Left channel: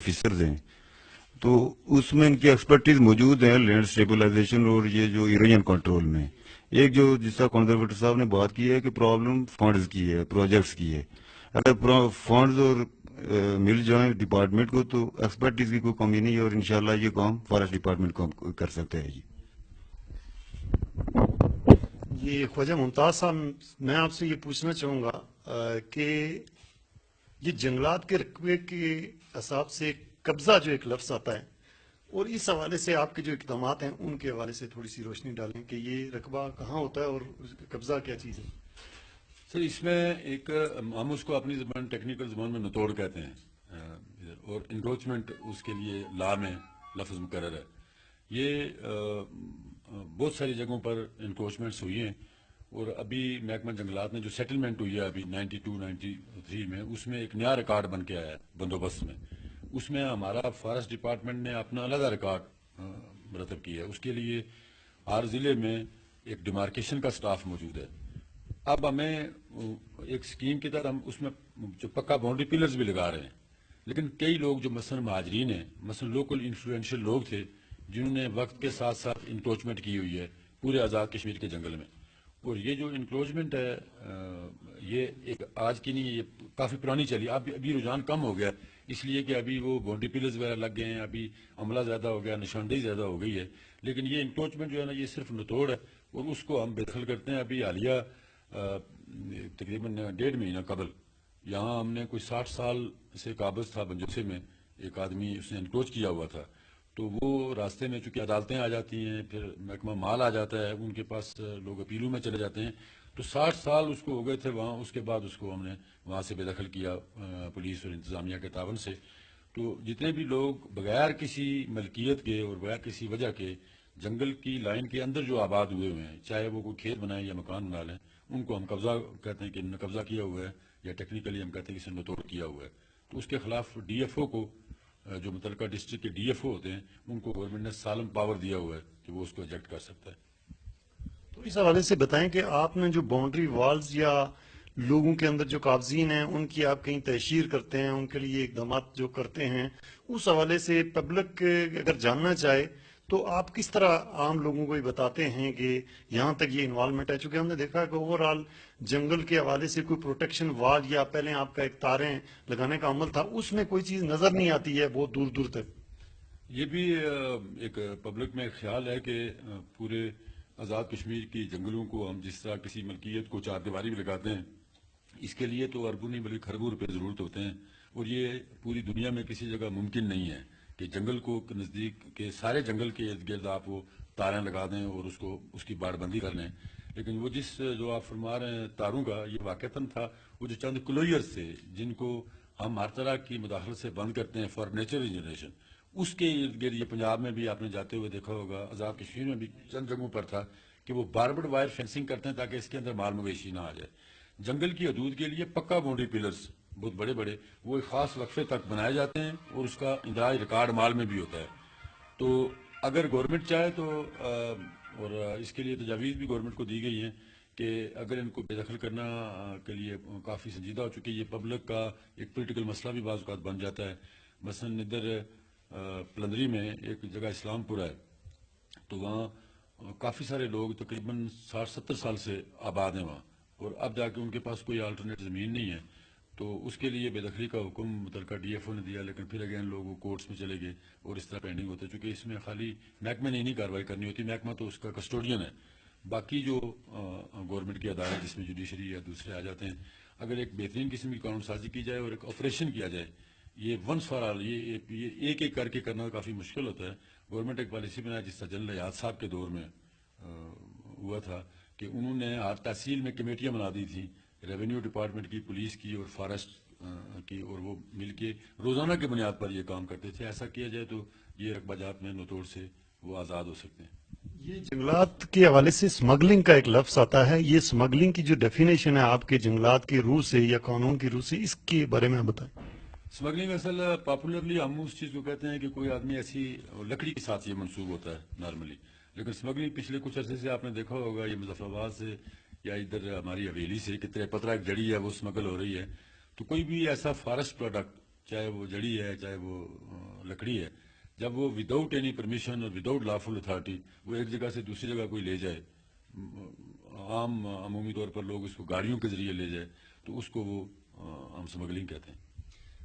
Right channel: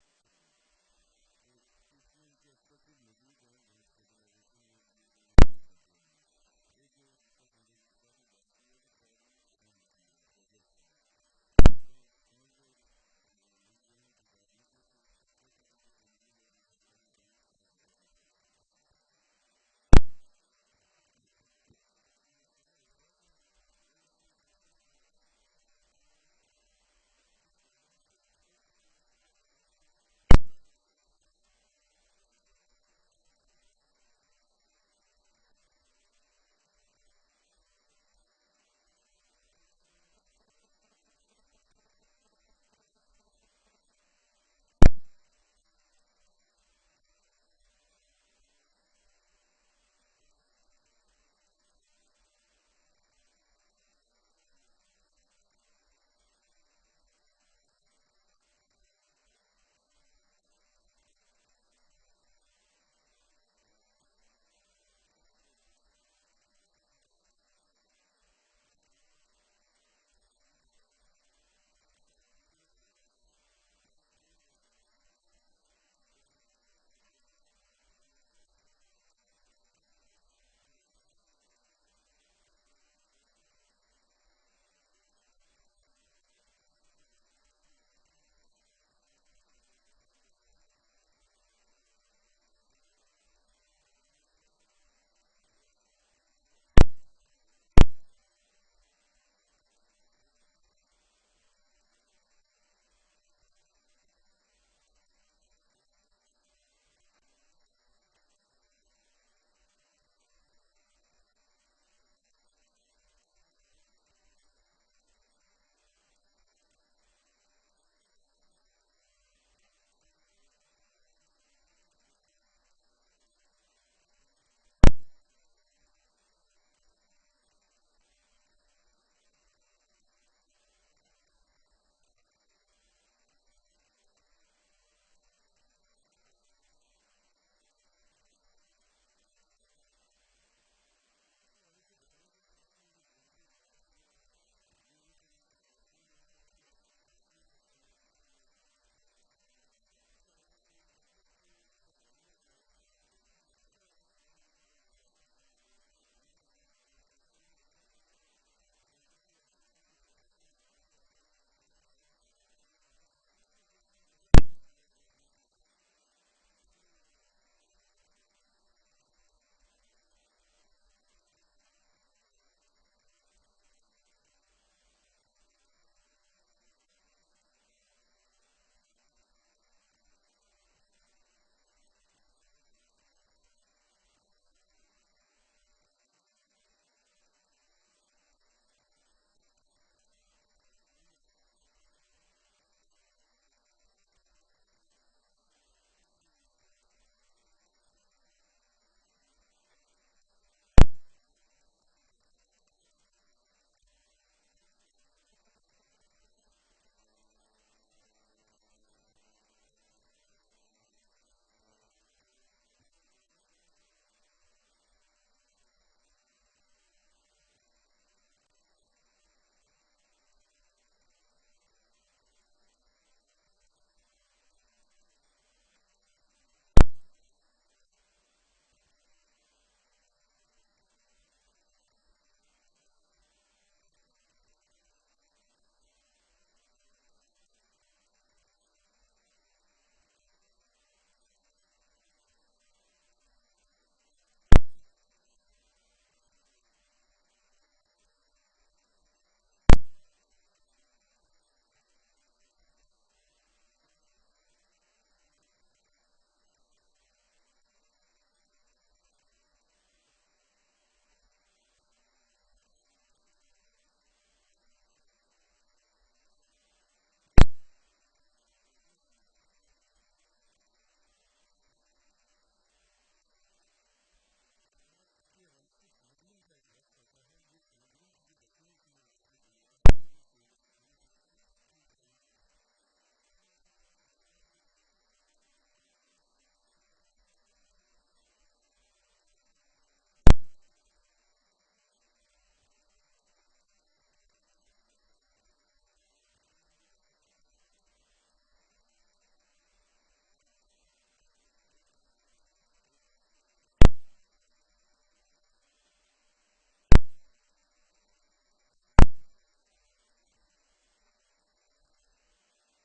Officers हैं, तो उसमें इनकी एक्सपर्टीज मौजूद है लैंड स्टेबलाइजेशन और ये जो इरोजन कंट्रोल में। एक जो जिसका कंजर्वेटर साहब ने बात की है कि प्रॉब्लम फंड्स की है, प्रोजेक्ट्स की है। अगर फंड्स और मिल जाए डिपार्टमेंट को तो एक्सपर्टीज की कोई कमी नहीं है और इंशाल्लाह ये काम फॉरेस्ट डिपार्टमेंट को कर सकते हैं जी। ये ख्वाजा मुमताज साहब, मैं आपसे ये पूछना चाहूँगा कि ये जंगलात के रकबे के हिसाब से कब्ज़ा जो एक लफ्ज़ आता है, और इस हवाले से आपके जो इक़दाम हैं उनके हवाले से थोड़ी सी रोशनी डालें कि ये रकबा कहाँ होता है और कब्ज़ा क्या चीज़ है। सर इसमें एक हम उसको अपनी ज़बान टेक्निकल ज़बान में नतोड़ कहते हैं, और इंक्रोचमेंट उसके लिए ला में लफ्ज़ मुकर्रर है। ये बहुत सारी जगहों पर इंक्रोचमेंट्स हुई हैं, और अभी महकमा जंगलात ने जो सेटलमेंट हुई है अभी 92-93 में, उसमें एक नया रिकॉर्ड बन के आया है बंदोबस्त में। उसमें हमारा फॉरेस्ट डिपार्टमेंट ने अपना अलग रिकॉर्ड मरतब किया है। उसके लिए हर ज़िले में एक डिमार्केशन का स्टाफ मौजूद है। अब हमें एक स्कीम के तहत हम उसमें जो पक्का बाउंड्री पिलर्स भी लगा रहे हैं, लेकिन कई लोग जो मसलन महाजरीन हैं, मसलन लोकल इन्फ्लुएंशियल लोग थे जिन्होंने वक्त के साथ साथ इंक्रोचमेंट की हुई है पूरे आज़ाद कश्मीर के जंगल में। और ये जो इंक्रोचमेंट है ये एक आज की नहीं है, ये काफ़ी पुरानी चली। अब अभी रुझान कम हो गया इसलिए कि अभी वो बाउंड्री पिलर्स वगैरह लग गए हैं, अभी अमला ज़्यादा हो गया, निशानदेही ज़्यादा हो गई है। लेकिन ये इंक्रोचमेंट जो है ना, ये सिर्फ नतोड़ है और उसको हम बेदखल करते हैं। अभी हालिया तकरीबन 1.5 महीना कबल यहाँ हमने कोई 60 साल से काबज था बंजोसे में, एक आदमी उसने इनक्रोच किया हुआ था। तो वो रास्ते में चूँकि अदालतें आ जाती हैं, फिर महकमा माल आ जाता है, उनके पास लोग अपीलों में चले जाते हैं। तो 60 साल उसको हो गए थे वहाँ। उसके बाद उसको हमने वहाँ से बेदखल किया पुलिस और इंतज़ामिया के तावन से। तो जितने भी लोग बगैर किसी मलकियत के और बगैर किसी वजह के जंगल की लाइन के अंदर जो आबाद हुए हुए हैं, चाहे वो कोई खेत बनाए या मकान बना लें, उनको हम कब्ज़ा कहते हैं कि इन्होंने कब्ज़ा किया हुआ है, या टेक्निकली हम कहते हैं कि इसने नतोड़ किया हुआ है। तो उसके खिलाफ डीएफओ को, जो मुतलका डिस्ट्रिक्ट के डीएफओ होते हैं, उनको गवर्नमेंट ने सालम पावर दिया हुआ है कि वो उसको एजेक्ट कर सकता है। तो इस हवाले से बताएं कि आपने जो बाउंड्री वॉल्स या लोगों के अंदर जो काबजीन हैं उनकी आप कहीं तहशीर करते हैं, उनके लिए इकदाम जो करते हैं, उस हवाले से पब्लिक अगर जानना चाहे तो आप किस तरह आम लोगों को ये बताते हैं कि यहाँ तक ये इन्वॉल्वमेंट है। चूँकि हमने देखा है कि ओवरऑल जंगल के हवाले से कोई प्रोटेक्शन वाल या पहले आपका एक तारें लगाने का अमल था, उसमें कोई चीज़ नज़र नहीं आती है बहुत दूर दूर तक। ये भी एक पब्लिक में ख्याल है कि पूरे आज़ाद कश्मीर की जंगलों को हम जिस तरह किसी मलकियत को चार दीवारी भी लगाते हैं, इसके लिए तो अरबों नहीं बल्कि खरबों रुपये ज़रूरत होते हैं। और ये पूरी दुनिया में किसी जगह मुमकिन नहीं है कि जंगल को नज़दीक के सारे जंगल के इर्द गिर्द आप वो तारें लगा दें और उसको उसकी बाड़बंदी कर लें। लेकिन वो जो आप फरमा रहे हैं तारों का, ये वाक़तन था वो जो चंद क्लोयर्स थे जिनको हम हर तरह की मुदाखलत से बंद करते हैं फॉर नेचर रिजनरेशन, उसके इर्द गिर्द ये पंजाब में भी आपने जाते हुए देखा होगा, आज़ाद कश्मीर में भी चंद जगहों पर था कि वो बारबड वायर फेंसिंग करते हैं ताकि इसके अंदर माल मवेशी ना आ जाए। जंगल की हदूद के लिए पक्का बाउंड्री पिलर्स बहुत बड़े बड़े वो एक ख़ास वक्फे तक बनाए जाते हैं और उसका इंदराज रिकॉर्ड माल में भी होता है। तो अगर गवर्नमेंट चाहे तो और इसके लिए तजावीज़ भी गवर्नमेंट को दी गई हैं कि अगर इनको बेदखल करना के लिए काफ़ी संजीदा हो चुकी है। ये पब्लिक का एक पोलिटिकल मसला भी बाज़ औक़ात बन जाता है। मसलन इधर पलंदरी में एक जगह इस्लामपुर है, तो वहाँ काफ़ी सारे लोग तकरीबन 60-70 साल से आबाद हैं वहाँ, और अब जाके उनके पास कोई अल्टरनेट ज़मीन नहीं है। तो उसके लिए बेदखली का हुक्म मुतलका डीएफओ ने दिया, लेकिन फिर अगेन लोग कोर्ट्स में चले गए और इस तरह पेंडिंग होता है। चूँकि इसमें खाली महकमे ने नहीं कार्रवाई करनी होती, महकमा तो उसका कस्टोडियन है। बाकी जो गवर्नमेंट के अदारे जिसमें जुडिशरी या दूसरे आ जाते हैं, अगर एक बेहतरीन किस्म की कानून साजी की जाए और एक ऑपरेशन किया जाए, ये वंस फॉर ऑल, ये एक एक करके करना काफ़ी मुश्किल होता है। गवर्नमेंट एक पॉलिसी बनाया जिस तरह जनरल याद साहब के दौर में हुआ था कि उन्होंने हर तहसील में कमेटियाँ बना दी थी, रेवेन्यू डिपार्टमेंट की, पुलिस की और फॉरेस्ट की, और वो मिल के रोज़ाना की बुनियाद पर ये काम करते थे। ऐसा किया जाए तो ये रकबा जात में नतोड़ से वो आज़ाद हो सकते हैं। ये जंगलात के हवाले से स्मगलिंग का एक लफ्ज आता है, ये स्मगलिंग की जो डेफिनेशन है आपके जंगलात की रूह से या कानून की रूह से, इसके बारे में आप बताएं। स्मगलिंग असल पॉपुलरली हम उस चीज़ को कहते हैं कि कोई आदमी ऐसी लकड़ी के साथ ये मंसूब होता है नॉर्मली। लेकिन स्मगलिंग पिछले कुछ अरसे से आपने देखा होगा, ये मुजफ्फराबाद से या इधर हमारी हवेली से कितने पतरा एक जड़ी है वो स्मगल हो रही है। तो कोई भी ऐसा फॉरेस्ट प्रोडक्ट, चाहे वो जड़ी है, चाहे वो लकड़ी है, जब वो विदाउट एनी परमिशन और विदाउट लॉफुल अथॉरिटी वो एक जगह से दूसरी जगह कोई ले जाए, आम अमूमी तौर पर लोग उसको गाड़ियों के जरिए ले जाए, तो उसको वो हम स्मगलिंग कहते हैं।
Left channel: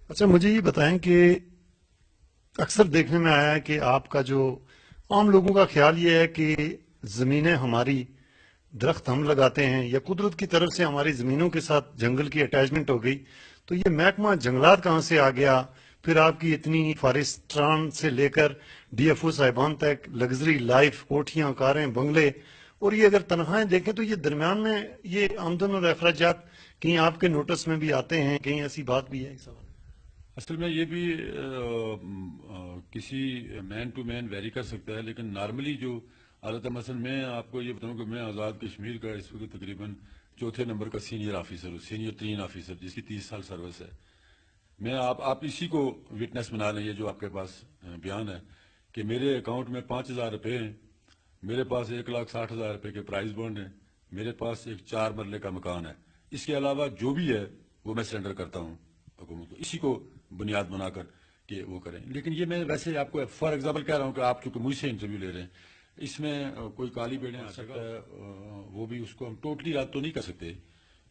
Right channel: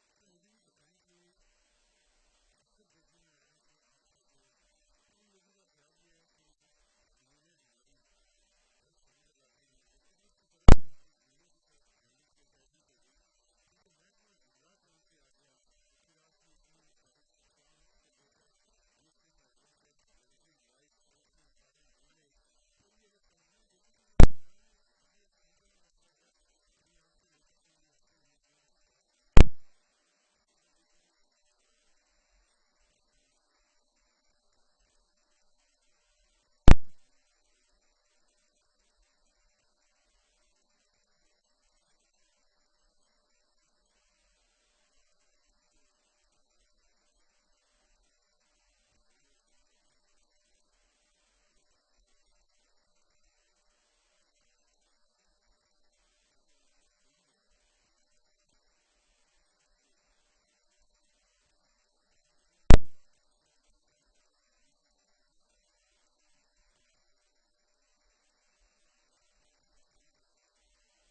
अच्छा, मुझे ये बताएं कि अक्सर देखने में आया है कि आपका जो आम लोगों का ख्याल ये है कि जमीनें हमारी, दरख्त हम लगाते हैं या कुदरत की तरफ से हमारी जमीनों के साथ जंगल की अटैचमेंट हो गई, तो ये महकमा जंगलात कहाँ से आ गया? फिर आपकी इतनी फॉरेस्ट्रान से लेकर डीएफओ साहिबान तक लग्जरी लाइफ, कोठियां, कारें, बंगले, और ये अगर तनख्वाहें देखें तो ये दरमियान में ये आमदन और अखराजात कहीं आपके नोटिस में भी आते हैं, कहीं ऐसी बात भी है? असल में ये भी किसी मैन टू मैन वेरी कर सकता है, लेकिन नॉर्मली जो हालत है, मसलन मैं आपको ये बताऊं कि मैं आज़ाद कश्मीर का इस वक्त तकरीबन चौथे नंबर का सीनियर ऑफिसर हूँ, सीनियर 3 ऑफिसर, जिसकी 30 साल सर्विस है। मैं आप इसी को विटनेस बना लें, ये जो आपके पास बयान है कि मेरे अकाउंट में 5,000 रुपये हैं, मेरे पास 1,60,000 रुपये के प्राइज बॉन्ड हैं, मेरे पास एक 4 मरले का मकान है, इसके अलावा जो भी है वो मैं सरेंडर करता हूँ हुकूमत को, इसी को बुनियाद बनाकर कि वो करें। लेकिन ये मैं वैसे आपको फॉर एग्जांपल कह रहा हूँ कि आप चूंकि मुझसे इंटरव्यू ले रहे हैं, इसमें कोई काली बेड़े आ सकता है, वो भी उसको हम टोटली रद्द तो नहीं कर सकते,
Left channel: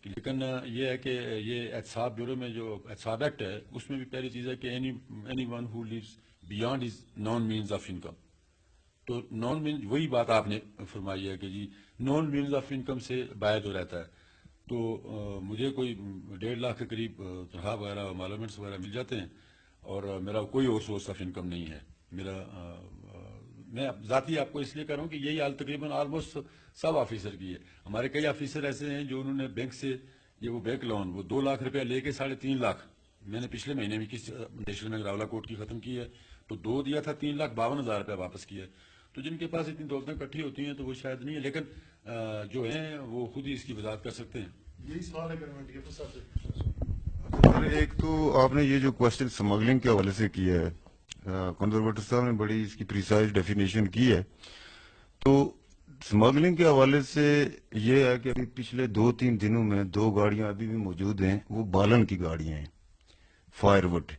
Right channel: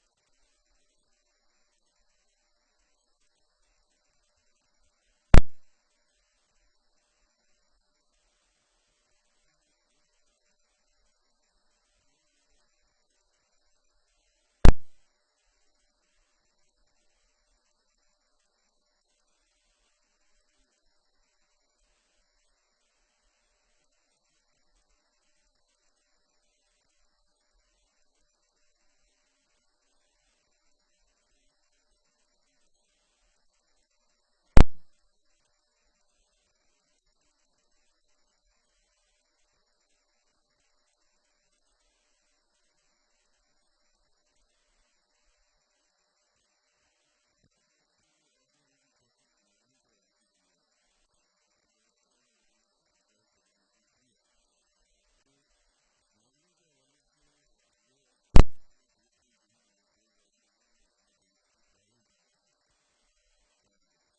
लेकिन ये है कि ये एहतसाब ब्यूरो में जो एहतसाब एक्ट है उसमें भी पहली चीज़ है कि anyone who lives beyond his known means of income, तो नॉन मीन्स वही बात आपने फरमाई है कि जी नॉन मीन्स ऑफ इनकम से बाहर जो रहता है, तो मुझे कोई 1.5 लाख के करीब तनख्वाह वगैरह मालूमेंट्स वगैरह मिल जाते हैं, और मेरा कोई और सोर्स ऑफ इनकम नहीं है मेरा। मैं ज़ाती आपको इसलिए कह रहा हूँ कि यही हाल तकरीबन ऑलमोस्ट सब ऑफिसर की है। हमारे कई ऑफिसर ऐसे हैं जो उन्होंने बैंक से ये वो बैंक लोन वो 2 लाख रुपया लेके 3.5 लाख, मैंने पिछले महीने भी किसी स्टेशन में रावला कोर्ट की ख़त्म की है, तो 2 दिया था, 3,52,000 रुपया वापस किया। तो जिनके पास इतनी दौलतें इकट्ठी होती हैं तो वो शायद नहीं है, लेकिन जो हैं वो खुद ही इसकी वजाहत कर सकते हैं। यही सवाल है डीएफओ साहब से। एक तो आपने ये जो क्वेश्चन स्मगलिंग के हवाले से किया है, कंजर्वेटर साहब ने बड़ी इसकी प्रिसाइज डेफिनेशन की है। तो स्मगलिंग के हवाले से ये है कि अभी पिछले 2-3 दिनों में 2 गाड़ियां अभी भी मौजूद हैं, वो बालन की गाड़ियां हैं, फायरवुड,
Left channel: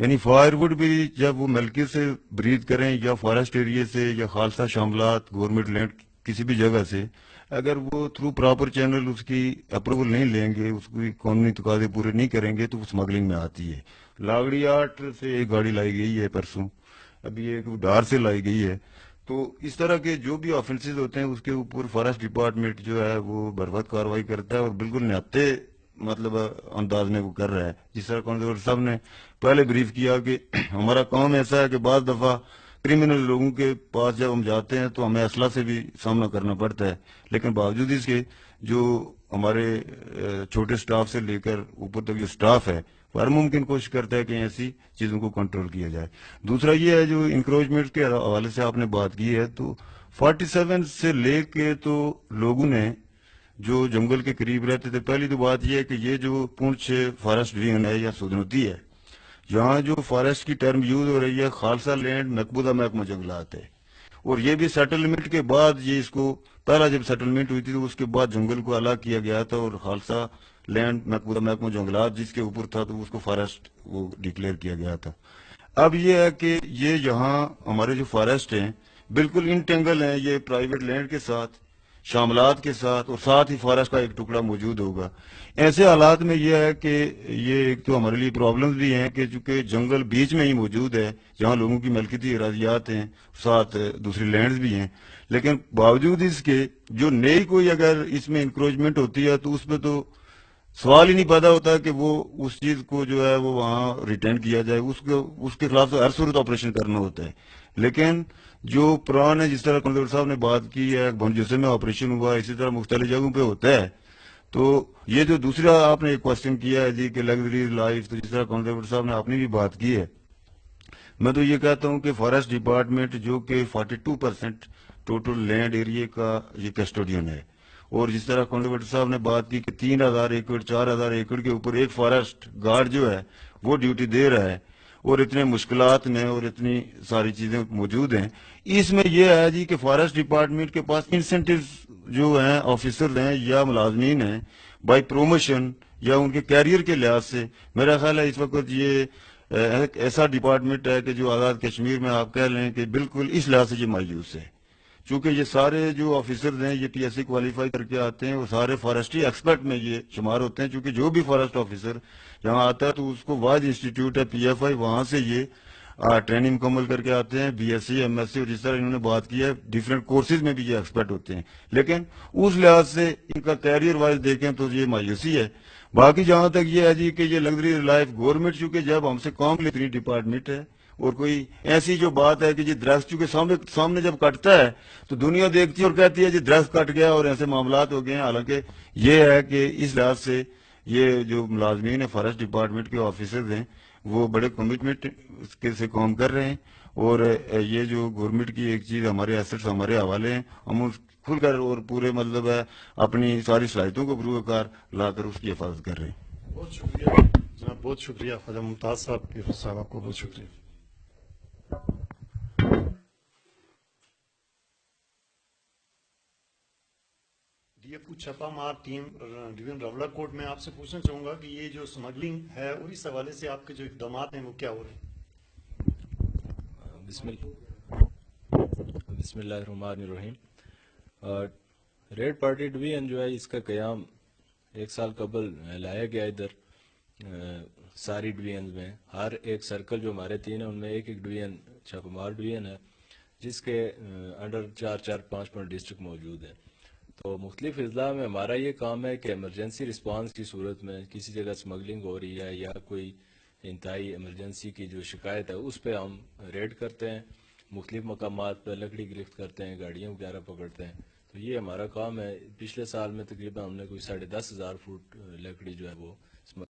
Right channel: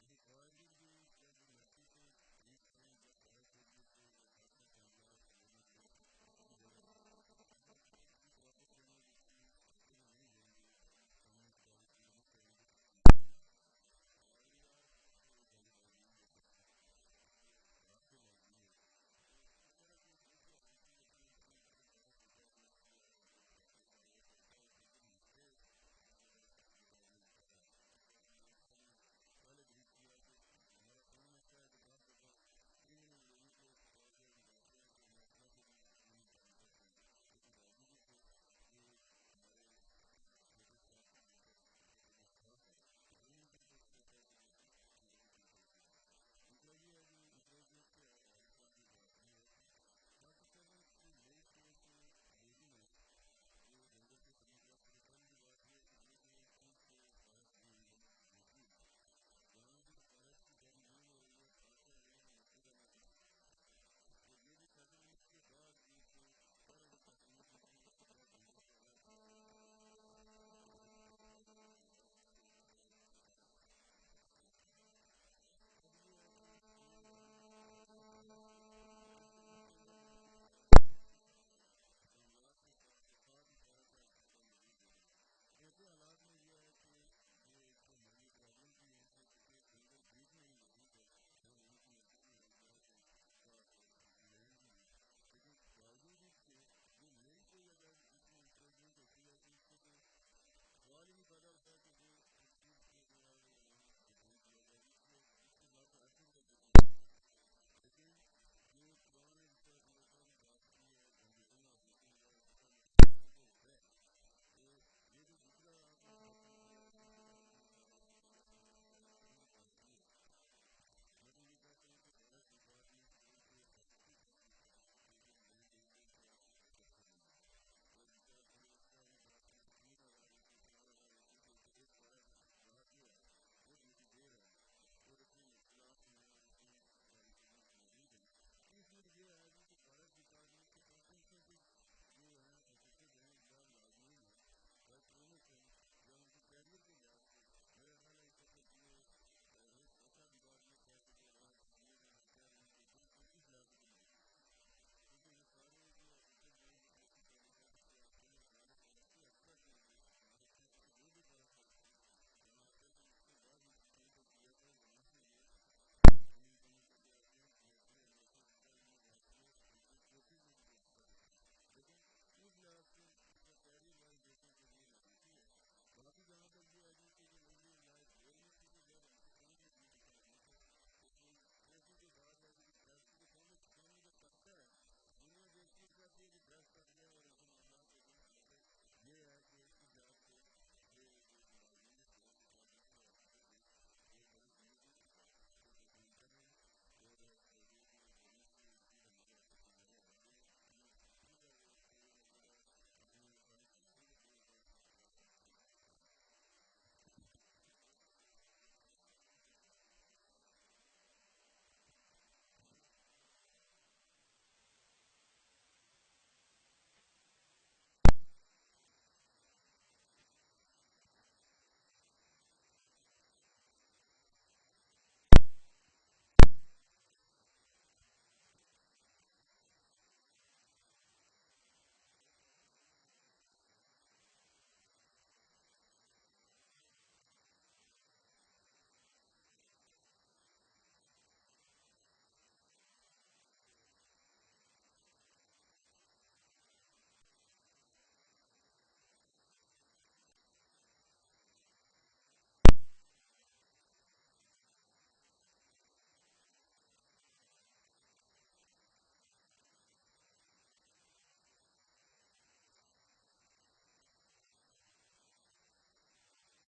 यानी फायरवुड भी जब वो मलके से ब्रीद करें या फॉरेस्ट एरिया से या खालसा शामलात गवर्नमेंट लैंड किसी भी जगह से, अगर वो थ्रू प्रॉपर चैनल उसकी अप्रूवल नहीं लेंगे, उसकी कानूनी तकाजे पूरे नहीं करेंगे, तो वो स्मगलिंग में आती है। लागड़ी आर्ट से एक गाड़ी लाई गई है परसों, अभी एक धार से लाई गई है। तो इस तरह के जो भी ऑफेंसेस होते हैं उसके ऊपर फॉरेस्ट डिपार्टमेंट जो है वो बर्बाद कार्रवाई करता है और बिल्कुल न्याते मतलब अंदाज में वो कर रहा है। जिस तरह कंजर्वेटर साहब ने पहले ब्रीफ किया कि हमारा काम ऐसा है कि बाज दफा क्रिमिनल लोगों के पास जब हम जाते हैं तो हमें असला से भी सामना करना पड़ता है, लेकिन बावजूद इसके जो हमारे छोटे स्टाफ से लेकर ऊपर तक जो स्टाफ है वो हर मुमकिन कोशिश करता है कि ऐसी चीजों को कंट्रोल किया जाए। दूसरा ये है जो इंक्रोचमेंट के हवाले से आपने बात की है, तो 47 से लेके तो लोगों ने जो जंगल के करीब रहते थे, पहली तो बात यह है कि ये जो पुंछ फॉरेस्ट डिवीजन है या सुदनौती है, यहाँ जो फॉरेस्ट की टर्म यूज हो रही है खालसा लैंड मकबूजा महकमा जंगलात है, और ये भी सेटलमेंट के बाद, ये इसको पहला जब सेटलमेंट हुई थी तो उसके बाद जंगल को अलग किया गया था और खालसा लैंड मकबूजा महकमा जंगलात जिसके ऊपर था तो उसको फॉरेस्ट वो डिक्लेयर किया गया था। अब ये है कि ये यहाँ हमारे जो फॉरेस्ट हैं बिल्कुल इंटेंगल हैं ये प्राइवेट लैंड के साथ, शामलात के साथ, और साथ ही फॉरेस्ट का एक टुकड़ा मौजूद होगा। ऐसे हालात में यह है कि ये एक तो हमारे लिए प्रॉब्लम्स भी हैं कि चूंकि जंगल बीच में ही मौजूद है जहाँ लोगों की मलकियती अराजियात हैं, साथ दूसरी लैंड्स भी हैं, लेकिन बावजूद इसके जो नई कोई अगर इसमें इंक्रोचमेंट होती है तो उसमें तो सवाल ही नहीं पैदा होता कि वो उस चीज को जो है वो वहाँ रिटेन किया जाए, उसके खिलाफ तो हर सूरत ऑपरेशन करना होता है। लेकिन जो पुराने जिस तरह कंजर्वेटर साहब ने बात की है भंजुसे में ऑपरेशन हुआ, इसी तरह मुख्तलिफ जगहों पे होता है। तो ये जो दूसरा आपने एक क्वेश्चन किया है जी कि लग्जरी लाइफ, तो जिस तरह कंजर्वेटर साहब ने आपने भी बात की है, मैं तो ये कहता हूँ कि फॉरेस्ट डिपार्टमेंट जो कि 42% टोटल लैंड एरिया का ये कस्टोडियन है, और जिस तरह कंजर्वेटर साहब ने बात की कि 3,000 एकड़ 4,000 एकड़ के ऊपर एक फॉरेस्ट गार्ड जो है वो ड्यूटी दे रहा है, और इतने मुश्किलात में और इतनी सारी चीजें मौजूद हैं, इसमें यह है जी कि फॉरेस्ट डिपार्टमेंट के पास इंसेंटिव जो हैं ऑफिसर हैं या मुलाजमीन हैं बाई प्रोमोशन या उनके कैरियर के लिहाज से, मेरा ख्याल है इस वक्त ये ایک ایسا ڈپارٹمنٹ ہے کہ جو آزاد کشمیر میں آپ کہہ لیں کہ بالکل اس لحاظ سے یہ مایوس ہے، چونکہ یہ سارے جو آفیسرز ہیں یہ پی ایس سی کوالیفائی کر کے آتے ہیں، وہ سارے فارسٹری ایکسپرٹ میں یہ شمار ہوتے ہیں، چونکہ جو بھی فارسٹ آفیسر یہاں آتا ہے تو اس کو واحد انسٹیٹیوٹ ہے پی ایف آئی، وہاں سے یہ ٹریننگ مکمل کر کے آتے ہیں، B S C M S C, اور جس طرح انہوں نے بات کی ہے ڈفرینٹ کورسز میں بھی یہ ایکسپرٹ ہوتے ہیں، لیکن اس لحاظ سے ان کا کیریئر وائز دیکھیں تو یہ مایوسی ہے۔ باقی جہاں تک یہ ہے جی کہ یہ لگژری لائف گورنمنٹ چونکہ جب ہم سے کام لیتی ڈپارٹمنٹ ہے، اور کوئی ایسی جو بات ہے کہ جی درخت چونکہ سامنے جب کٹتا ہے تو دنیا دیکھتی ہے اور کہتی ہے جی درخت کٹ گیا اور ایسے معاملات ہو گئے ہیں، حالانکہ یہ ہے کہ اس لحاظ سے یہ جو ملازمین ہیں فارسٹ ڈپارٹمنٹ کے آفیسرز ہیں وہ بڑے کمٹمنٹ سے کام کر رہے ہیں، اور یہ جو گورنمنٹ کی ایک چیز ہمارے ایسٹس ہمارے حوالے ہیں، ہم اس کھل کر اور پورے مطلب ہے اپنی ساری صلاحیتوں کو بروکار لا کر اس کی حفاظت کر رہے ہیں۔ بہت شکریہ جناب، بہت شکریہ خواجہ ممتاز صاحب، صاحب آپ کو بہت شکریہ۔ ڈی ایف او چھپا مار ٹیم ڈویژن راولہ کوٹ میں آپ سے پوچھنا چاہوں گا کہ یہ جو سمگلنگ ہے اور اس حوالے سے آپ کے جو اقدامات ہیں وہ کیا ہو رہے ہیں؟ بسم اللہ الرحمن الرحیم۔ ریڈ پارٹی ڈویژن جو ہے اس کا قیام 1 سال قبل لایا گیا ادھر ساری ڈویژنز میں، ہر ایک سرکل جو ہمارے 3 ہیں ان میں ایک ڈویژن چھپمار ڈویژن ہے، جس کے انڈر 4-5 ڈسٹرکٹ موجود ہیں۔ تو مختلف اضلاع میں ہمارا یہ کام ہے کہ ایمرجنسی رسپانس کی صورت میں کسی جگہ سمگلنگ ہو رہی ہے یا کوئی انتہائی ایمرجنسی کی جو شکایت ہے اس پہ ہم ریڈ کرتے ہیں، مختلف مقامات پہ لکڑی گرفت کرتے ہیں، گاڑیاں وغیرہ پکڑتے ہیں۔ تو یہ ہمارا کام ہے۔ پچھلے سال میں تقریباً ہم نے کوئی 10,500 فٹ لکڑی جو ہے وہ